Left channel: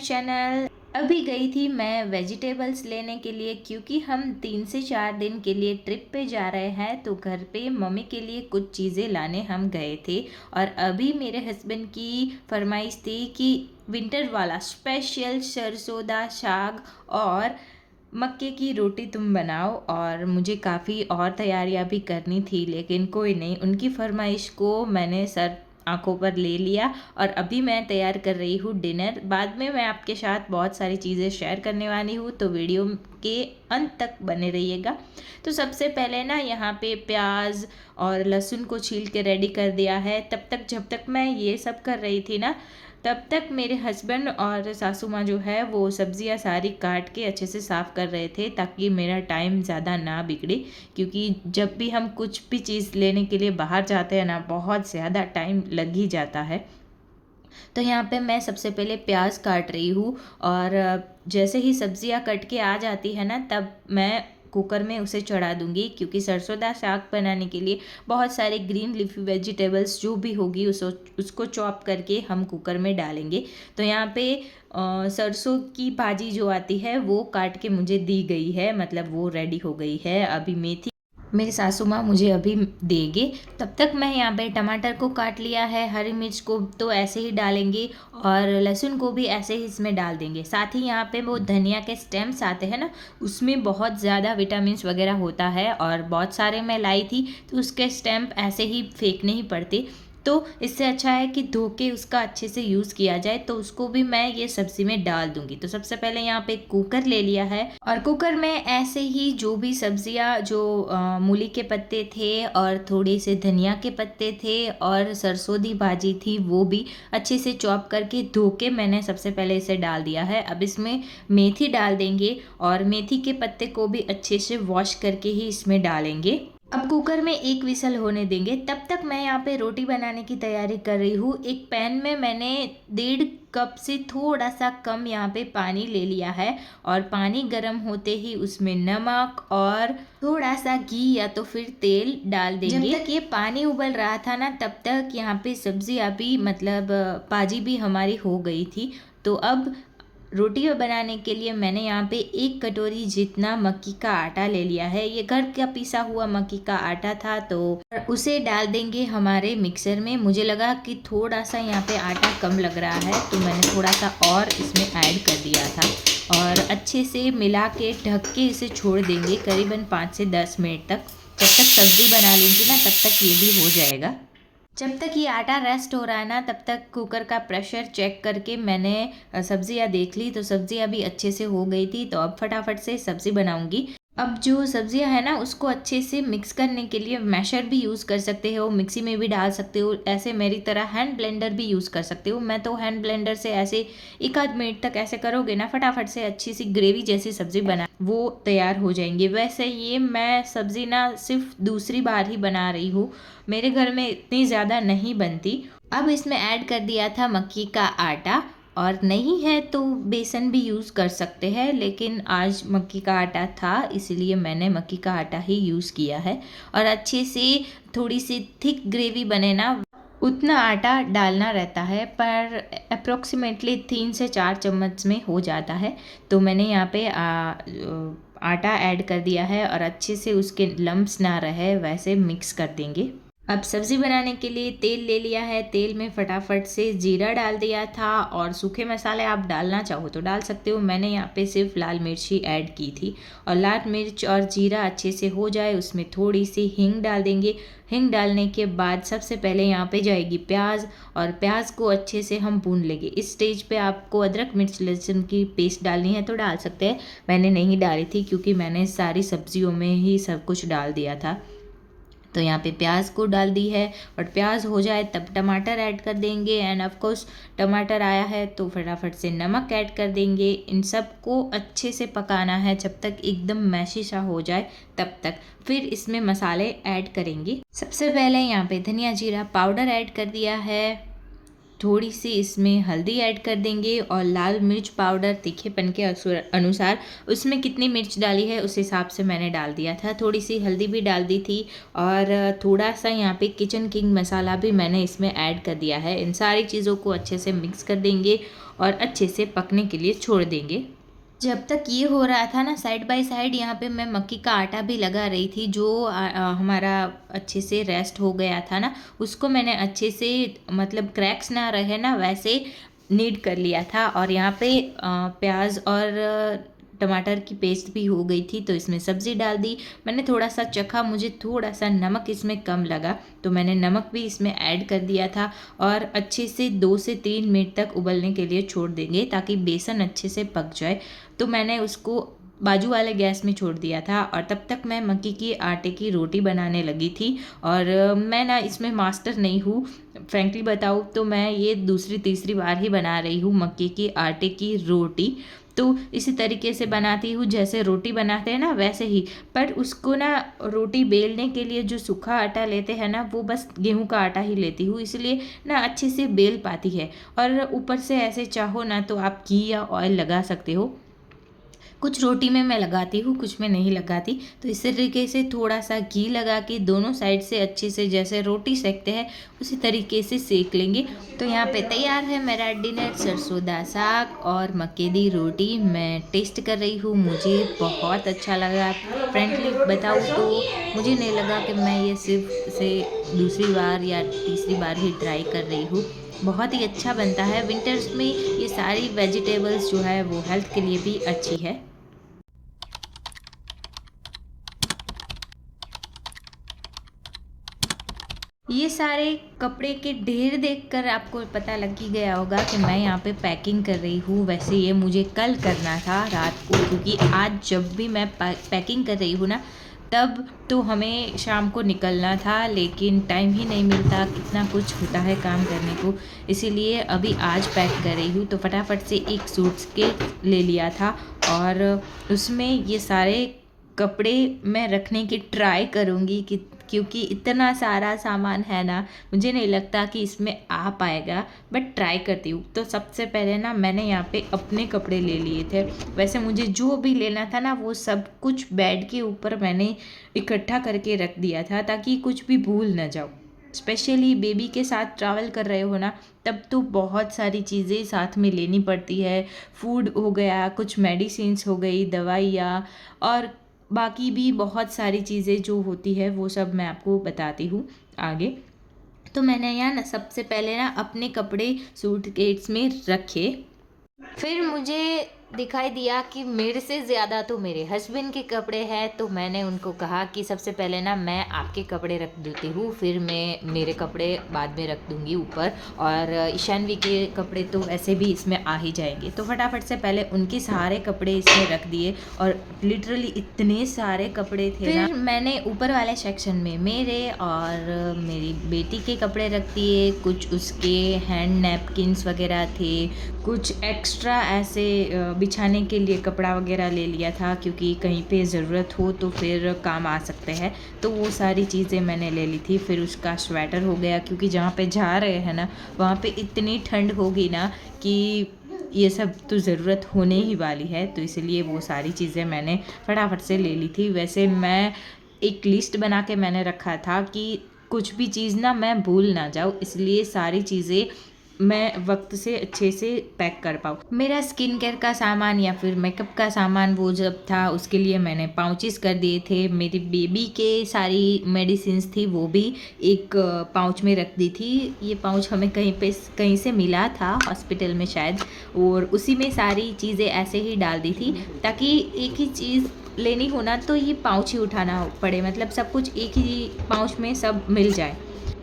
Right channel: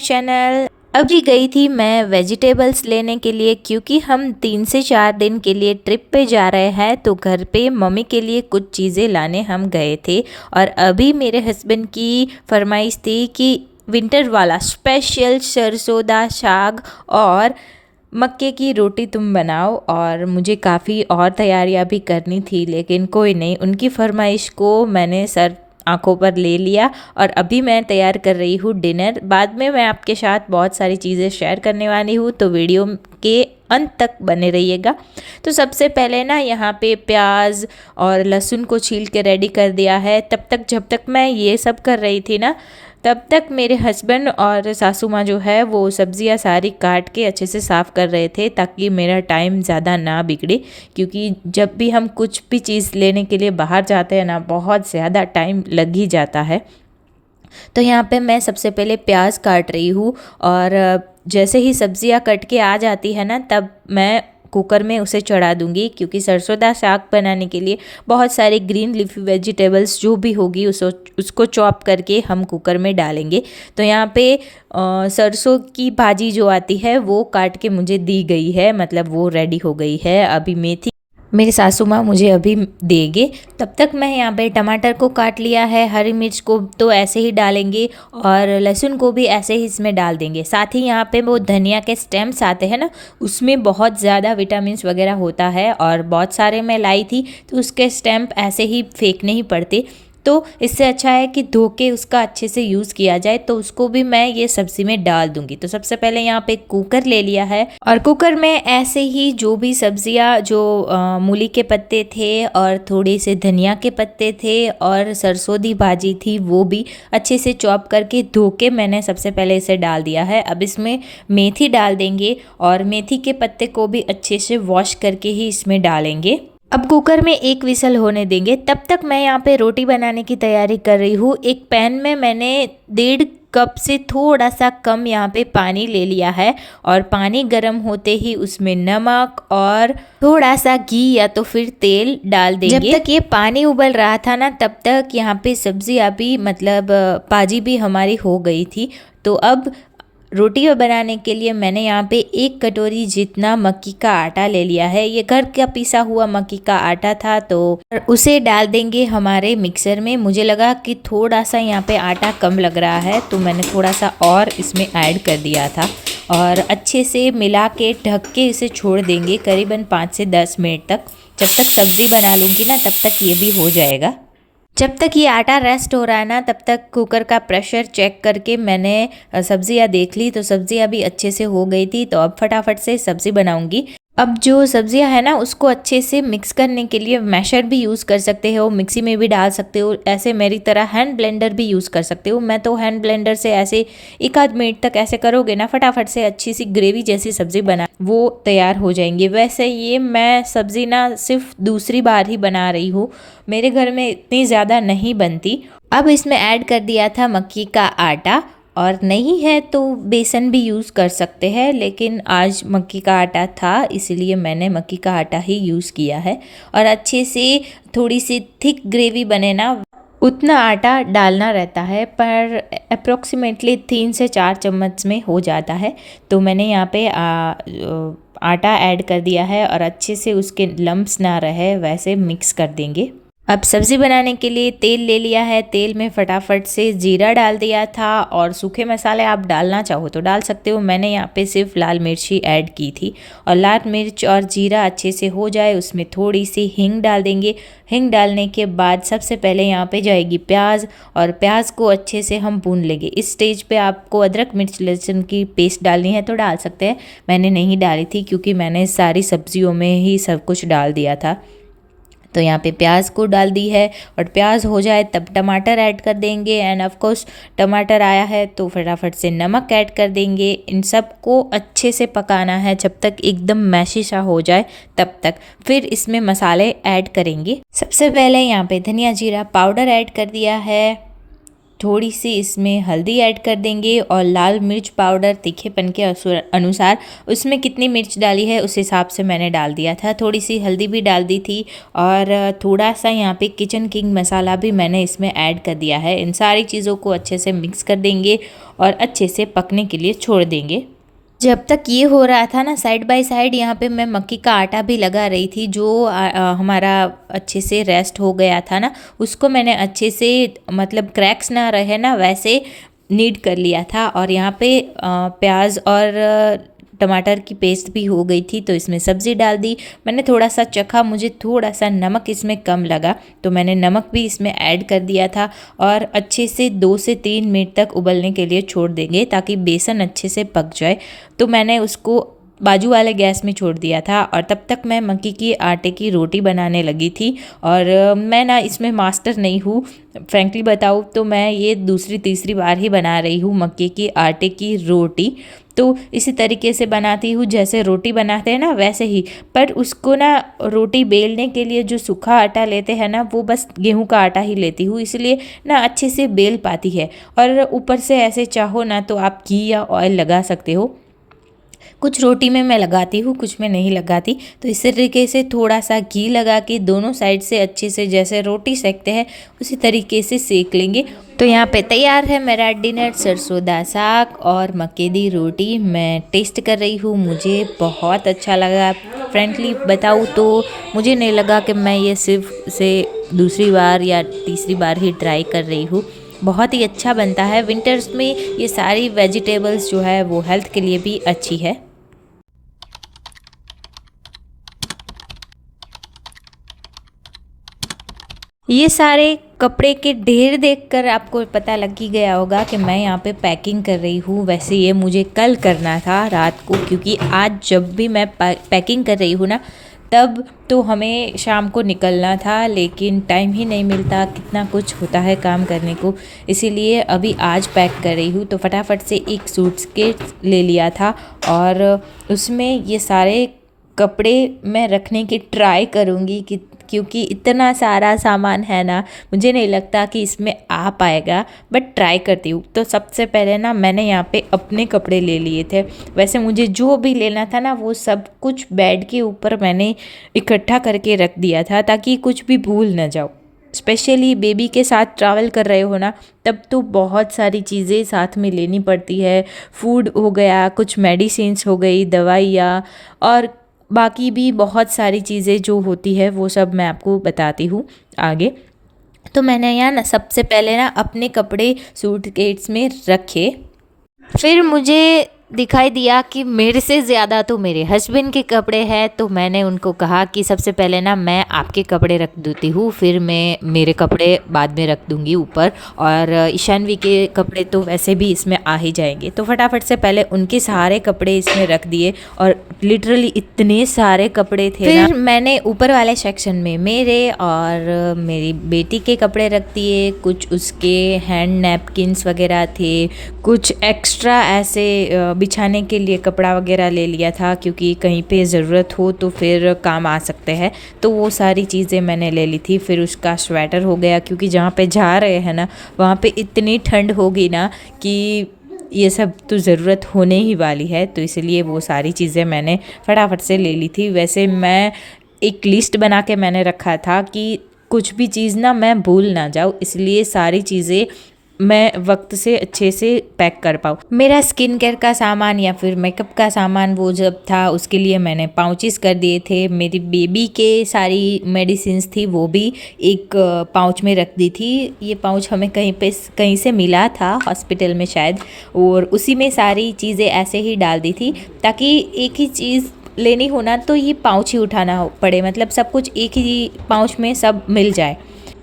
Channel. अभी गई थी मैं वेजिटेबल्स लेने के लिए, क्योंकि हम 3 से 4 दिन के लिए ट्रिप पे जा रहे हैं। तो घर पे मम्मी के लिए कुछ चीज़ें लाने हम गए थे। और अभी मेरे हस्बैंड की फरमाइश थी कि विंटर वाला स्पेशल सरसों साग और मक्के की रोटी तुम बनाओ। और मुझे काफ़ी और तैयारियां भी करनी थी, लेकिन कोई नहीं, उनकी फरमाइश को मैंने सर आंखों पर ले लिया। और अभी मैं तैयार कर रही हूँ डिनर। बाद में मैं आपके साथ बहुत सारी चीज़ें शेयर करने वाली हूँ, तो वीडियो के अंत तक बने रहिएगा। तो सबसे पहले ना यहाँ पे प्याज और लहसुन को छील के रेडी कर दिया है। तब तक जब तक मैं ये सब कर रही थी ना, तब तक मेरे हस्बैंड और सासू माँ जो है वो सब्जियाँ सारी काट के अच्छे से साफ़ कर रहे थे, ताकि मेरा टाइम ज़्यादा ना बिगड़े। क्योंकि जब भी हम कुछ भी चीज़ लेने के लिए बाहर जाते हैं ना, बहुत ज़्यादा टाइम लग ही जाता है। तो यहाँ पे मैं सबसे पहले प्याज काट रही हूँ। और जैसे ही सब्जियाँ कट के आ जाती है ना, तब मैं कुकर में उसे चढ़ा दूंगी। क्योंकि सरसों साग बनाने के लिए बहुत सारे ग्रीन लीफी वेजिटेबल्स जो भी होगी उसको चॉप करके हम कुकर में डालेंगे। तो यहाँ पे सरसों की भाजी जो आती है वो काट के मुझे दी गई है, मतलब वो रेडी हो गई है। अभी मेथी मेरी सासू माँ मुझे अभी देंगे। तब तक मैं यहाँ पे टमाटर को काट लिया है, हरी मिर्च को तो ऐसे ही डालेंगे और लहसुन को भी ऐसे ही इसमें डाल देंगे। साथ ही यहाँ पे वो धनिया के स्टेम्स आते हैं ना, उसमें बहुत ज़्यादा विटामिन्स वगैरह होता है, और बहुत सारे मैं लाई थी तो उसके स्टेम्प ऐसे ही फेंकने ही पड़ते। तो इससे अच्छा है कि धो के उसका अच्छे से यूज़ किया जाए। तो उसको भी मैं ये सब्ज़ी में डाल दूंगी। तो सबसे पहले यहाँ पे कुकर ले लिया है, और कुकर में ऐसे ही जो भी सब्जियाँ, जो मूली के पत्ते थे और थोड़े से धनिया के पत्ते थे और सरसों दी भाजी थी, वो भी अच्छे से चॉप करके धो के मैंने सबसे पहले इसे डाल दिया है। अब इसमें मेथी डाल देंगे, और मेथी के पत्ते को भी अच्छे से वॉश करके ही इसमें डालेंगे। अब कुकर में एक विसल होने देंगे। तब तक मैं यहाँ पे रोटी बनाने की तैयारी कर रही हूँ। एक पैन में मैंने 1.5 कप से थोड़ा सा कम यहाँ पे पानी ले लिया है, और पानी गर्म होते ही उसमें नमक और थोड़ा सा घी या तो फिर तेल डाल देंगे। जब तक ये पानी उबल रहा था ना, तब तक यहाँ पे सब्जी अभी मतलब भाजी भी हमारी हो गई थी। तो अब रोटी बनाने के लिए मैंने यहाँ पे 1 कटोरी जितना मक्की का आटा ले लिया है। ये घर का पिसा हुआ मक्की का आटा था, तो उसे डाल देंगे हमारे मिक्सर में। मुझे लगा कि थोड़ा सा यहाँ पे आटा कम लग रहा है, तो मैंने थोड़ा सा और इसमें ऐड कर दिया था। और अच्छे से मिला के ढक के इसे छोड़ देंगे करीबन 5 से 10 मिनट तक। जब तक सब्ज़ी बना लूँगी ना, तब तक ये भी हो जाएगा। जब तक ये आटा रेस्ट हो रहा है ना, तब तक कुकर का प्रेशर चेक करके मैंने सब्जियां देख ली। तो सब्जियां भी अच्छे से हो गई थी। तो अब फटाफट से सब्ज़ी बनाऊंगी। अब जो सब्जियां है ना, उसको अच्छे से मिक्स करने के लिए मैशर भी यूज़ कर सकते हो, मिक्सी में भी डाल सकते हो, ऐसे मेरी तरह हैंड ब्लेंडर भी यूज़ कर सकते हो। मैं तो हैंड ब्लेंडर से ऐसे 1 आध मिनट तक ऐसे करोगे ना, फटाफट से अच्छी सी ग्रेवी जैसी सब्ज़ी बना वो तैयार हो जाएंगी। वैसे ये मैं सब्ज़ी ना सिर्फ दूसरी बार ही बना रही हूँ, मेरे घर में इतनी ज़्यादा नहीं बनती। अब इसमें ऐड कर दिया था मक्की का आटा, और नहीं है तो बेसन भी यूज़ कर सकते हैं, लेकिन आज मक्की का आटा था इसलिए मैंने मक्की का आटा ही यूज़ किया है। और अच्छे से थोड़ी सी थिक ग्रेवी बने ना, उतना आटा डालना रहता है, पर अप्रोक्सीमेटली 3 से 4 चम्मच में हो जाता है। तो मैंने यहाँ पे आटा ऐड कर दिया है, और अच्छे से उसके लम्प्स ना रहे वैसे मिक्स कर देंगे। अब सब्ज़ी बनाने के लिए तेल ले लिया है। तेल में फटाफट से जीरा डाल दिया था, और सूखे मसाले आप डालना चाहो तो डाल सकते हो। मैंने यहाँ पे सिर्फ लाल मिर्ची ऐड की थी। और लाल मिर्च और जीरा अच्छे से हो जाए, उसमें थोड़ी सी हींग डाल देंगे। हींग डालने के बाद सबसे पहले यहाँ पे जाएगी प्याज, और प्याज को अच्छे से हम भून लेंगे। इस स्टेज पे आपको अदरक मिर्च लहसुन की पेस्ट डालनी है तो डाल सकते हैं। मैंने नहीं डाली थी, क्योंकि मैंने सारी सब्जियों में ही सब कुछ डाल दिया था। तो यहाँ पे प्याज को डाल दी है, और प्याज हो जाए तब टमाटर ऐड कर देंगे। एंड ऑफ कोर्स टमाटर आया है तो फटाफट से नमक ऐड कर देंगे। इन सब को अच्छे से पकाना है जब तक एकदम मैशी सा हो जाए तब तक। फिर इसमें मसाले ऐड करेंगे। सबसे पहले यहाँ पे धनिया जीरा पाउडर ऐड कर दिया है, थोड़ी सी इसमें हल्दी ऐड कर देंगे और लाल मिर्च पाउडर तीखेपन के अनुसार, उसमें कितनी मिर्च डाली है उस हिसाब से मैंने डाल दिया था। थोड़ी सी हल्दी भी डाल दी थी और थोड़ा सा यहाँ पे किचन किंग मसाला भी मैंने इसमें ऐड कर दिया है। इन सारी चीज़ों को अच्छे से मिक्स कर देंगे और अच्छे से पकने के लिए छोड़ देंगे। जब तक ये हो रहा था ना, साइड बाय साइड यहाँ पे मैं मक्की का आटा भी लगा रही थी, जो हमारा अच्छे से रेस्ट हो गया था ना, उसको मैंने अच्छे से, मतलब क्रैक्स ना रहे ना वैसे नीड कर लिया था। और यहाँ पे प्याज और टमाटर की पेस्ट भी हो गई थी, तो इसमें सब्ज़ी डाल दी। मैंने थोड़ा सा चखा, मुझे थोड़ा सा नमक इसमें कम लगा, तो मैंने नमक भी इसमें ऐड कर दिया था और अच्छे से 2 से 3 मिनट तक उबलने के लिए छोड़ देंगे ताकि बेसन अच्छे से पक जाए। तो मैंने उसको बाजू वाले गैस में छोड़ दिया था और तब तक मैं मक्की की आटे की रोटी बनाने लगी थी। और मैं ना इसमें मास्टर नहीं हूँ, फ्रेंकली बताऊँ तो मैं ये दूसरी तीसरी बार ही बना रही हूँ मक्की की आटे की रोटी। तो इसी तरीके से बनाती हूँ जैसे रोटी बनाते हैं ना वैसे ही, पर उसको ना रोटी बेलने के लिए जो सूखा आटा लेते हैं ना, वो बस गेहूं का आटा ही लेती हूँ, इसलिए ना अच्छे से बेल पाती है। और ऊपर से ऐसे चाहो ना तो आप घी या ऑयल लगा सकते हो। कुछ रोटी में मैं लगाती हूँ, कुछ में नहीं लगाती। तो इस तरीके से थोड़ा सा घी लगा के दोनों साइड से अच्छे से जैसे रोटी सेकते हैं उसी तरीके से सेक लेंगे। तो यहाँ पे तैयार है मेरा डिनर, सरसों दा साग और मक्के दी रोटी। मैं टेस्ट कर रही हूँ, मुझे बहुत अच्छा लगा। फ्रेंकली बताऊँ तो मुझे नहीं लगा कि मैं ये सिर्फ से दूसरी बार या तीसरी बार ही ट्राई कर रही हूँ। बहुत ही अच्छा बनता है। विंटर्स में ये सारी वेजिटेबल्स जो है वो हेल्थ के लिए भी अच्छी है। ये सारे कपड़े के ढेर देखकर आपको पता लग ही गया होगा कि मैं यहाँ पे पैकिंग कर रही हूँ। वैसे ये मुझे कल करना था रात को, क्योंकि आज जब भी मैं पैकिंग कर रही हूँ ना, तब तो हमें शाम को निकलना था, लेकिन टाइम ही नहीं मिलता, कितना कुछ होता है काम करने को, इसीलिए अभी आज पैक कर रही हूँ। तो फटाफट से एक सूटकेस ले लिया था और उसमें ये सारे कपड़े मैं रखने की ट्राई करूँगी कि, क्योंकि इतना सारा सामान है ना, मुझे नहीं लगता कि इसमें आ पाएगा, बट ट्राई करती हूँ। तो सबसे पहले ना मैंने यहाँ पे अपने कपड़े ले लिए थे। वैसे मुझे जो भी लेना था ना वो सब कुछ बेड के ऊपर मैंने इकट्ठा करके रख दिया था ताकि कुछ भी भूल ना जाओ। स्पेशली बेबी के साथ ट्रैवल कर रहे हो ना, तब तो बहुत सारी चीज़ें साथ में लेनी पड़ती है। फूड हो गया, कुछ मेडिसिन्स हो गई, दवाइयाँ, और बाकी भी बहुत सारी चीज़ें जो होती है वो सब मैं आपको बताती हूँ आगे। तो मैंने यहाँ ना सबसे पहले ना अपने कपड़े सूटकेस में रखे, फिर मुझे दिखाई दिया कि मेरे से ज़्यादा तो मेरे हस्बैंड के कपड़े हैं, तो मैंने उनको कहा कि सबसे पहले ना मैं आपके कपड़े रख देती हूँ, फिर मैं मेरे कपड़े बाद में रख दूँगी ऊपर, और ईशानवी के कपड़े तो वैसे भी इसमें आ ही जाएंगे। तो फटाफट से पहले उनके सारे कपड़े इसमें रख दिए, और लिटरली इतने सारे कपड़े थे। फिर मैंने ऊपर वाले सेक्शन में मेरे और मेरी बेटी के कपड़े रख दिए, कुछ उसके हैंड नैपकिन्स वगैरह थे, कुछ एक्स्ट्रा ऐसे बिछाने के लिए कपड़ा वगैरह ले लिया था, क्योंकि कहीं पे ज़रूरत हो तो फिर काम आ सकते हैं, तो वो सारी चीज़ें मैंने ले ली थी। फिर उसका स्वेटर हो गया, क्योंकि जहाँ पे जा रहे हैं ना वहाँ पे इतनी ठंड होगी ना कि ये सब तो ज़रूरत होने ही वाली है, तो इसलिए वो सारी चीज़ें मैंने फटाफट से ले ली थी। वैसे मैं एक लिस्ट बना के मैंने रखा था कि कुछ भी चीज़ ना मैं भूल ना जाऊँ, इसलिए सारी चीज़ें मैं वक्त से अच्छे से पैक कर पाऊँ। मेरा स्किन केयर का सामान या फिर मेकअप का सामान वो जब था, उसके लिए मैंने पाउचेस कर दिए थे। मेरी बेबी के सारी मेडिसिन्स थी वो भी एक पाउच में रख दी थी। ये पाउच हमें कहीं से मिला था हॉस्पिटल में शायद, और उसी में सारी चीज़ें ऐसे ही डाल दी थी ताकि एक ही चीज़ लेनी हो ना तो ये पाउच ही उठाना पड़े, मतलब सब कुछ एक ही पाउच में सब मिल जाए।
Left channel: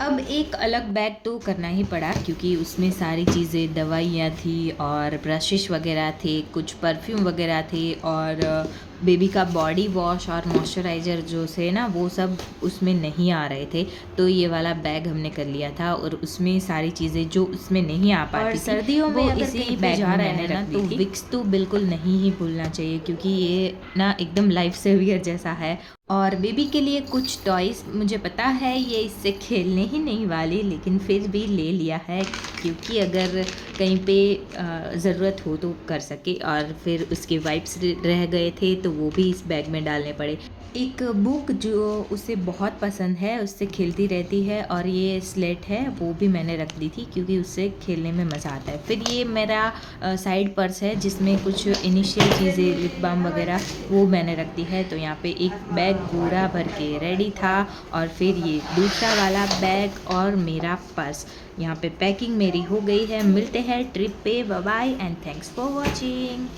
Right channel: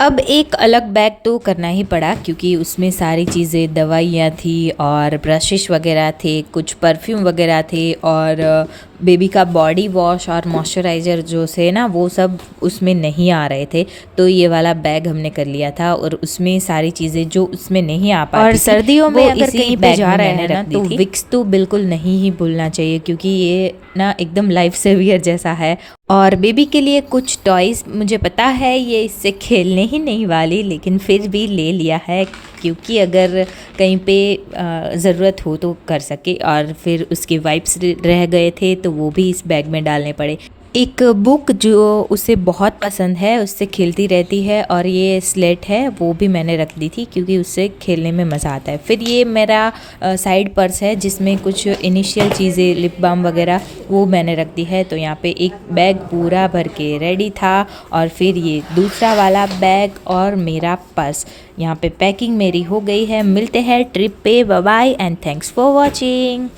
अब एक अलग बैग तो करना ही पड़ा, क्योंकि उसमें सारी चीज़ें, दवाइयाँ थी और ब्रशेस वगैरह थे, कुछ परफ्यूम वगैरह थे, और बेबी का बॉडी वॉश और मॉइस्चराइज़र जो से ना वो सब उसमें नहीं आ रहे थे, तो ये वाला बैग हमने कर लिया था और उसमें सारी चीज़ें जो उसमें नहीं आ पाती और थी, सर्दियों में वो अगर इसी कहीं पे बैग जा में रहे मैंने हैं ना रख दी तो थी। विक्स तो बिल्कुल नहीं ही भूलना चाहिए क्योंकि ये ना एकदम लाइफ सेवियर जैसा है। और बेबी के लिए कुछ टॉयज़ मुझे पता है ये इससे खेलने ही नहीं वाली, लेकिन फिर भी ले लिया है क्योंकि अगर कहीं पे ज़रूरत हो तो कर सके। और फिर उसके वाइप्स रह गए थे तो वो भी इस बैग में डालने पड़े। एक बुक जो उसे बहुत पसंद है, उससे खेलती रहती है, और ये स्लेट है वो भी मैंने रख दी थी क्योंकि उससे खेलने में मज़ा आता है। फिर ये मेरा साइड पर्स है जिसमें कुछ इनिशियल चीज़ें, लिप बाम वगैरह, वो मैंने रख दी है। तो यहाँ पे एक बैग पूरा भर के रेडी था और फिर ये दूसरा वाला बैग और मेरा पर्स। यहाँ पे पैकिंग मेरी हो गई है। मिलते हैं ट्रिप पे। Bye bye and thanks for watching.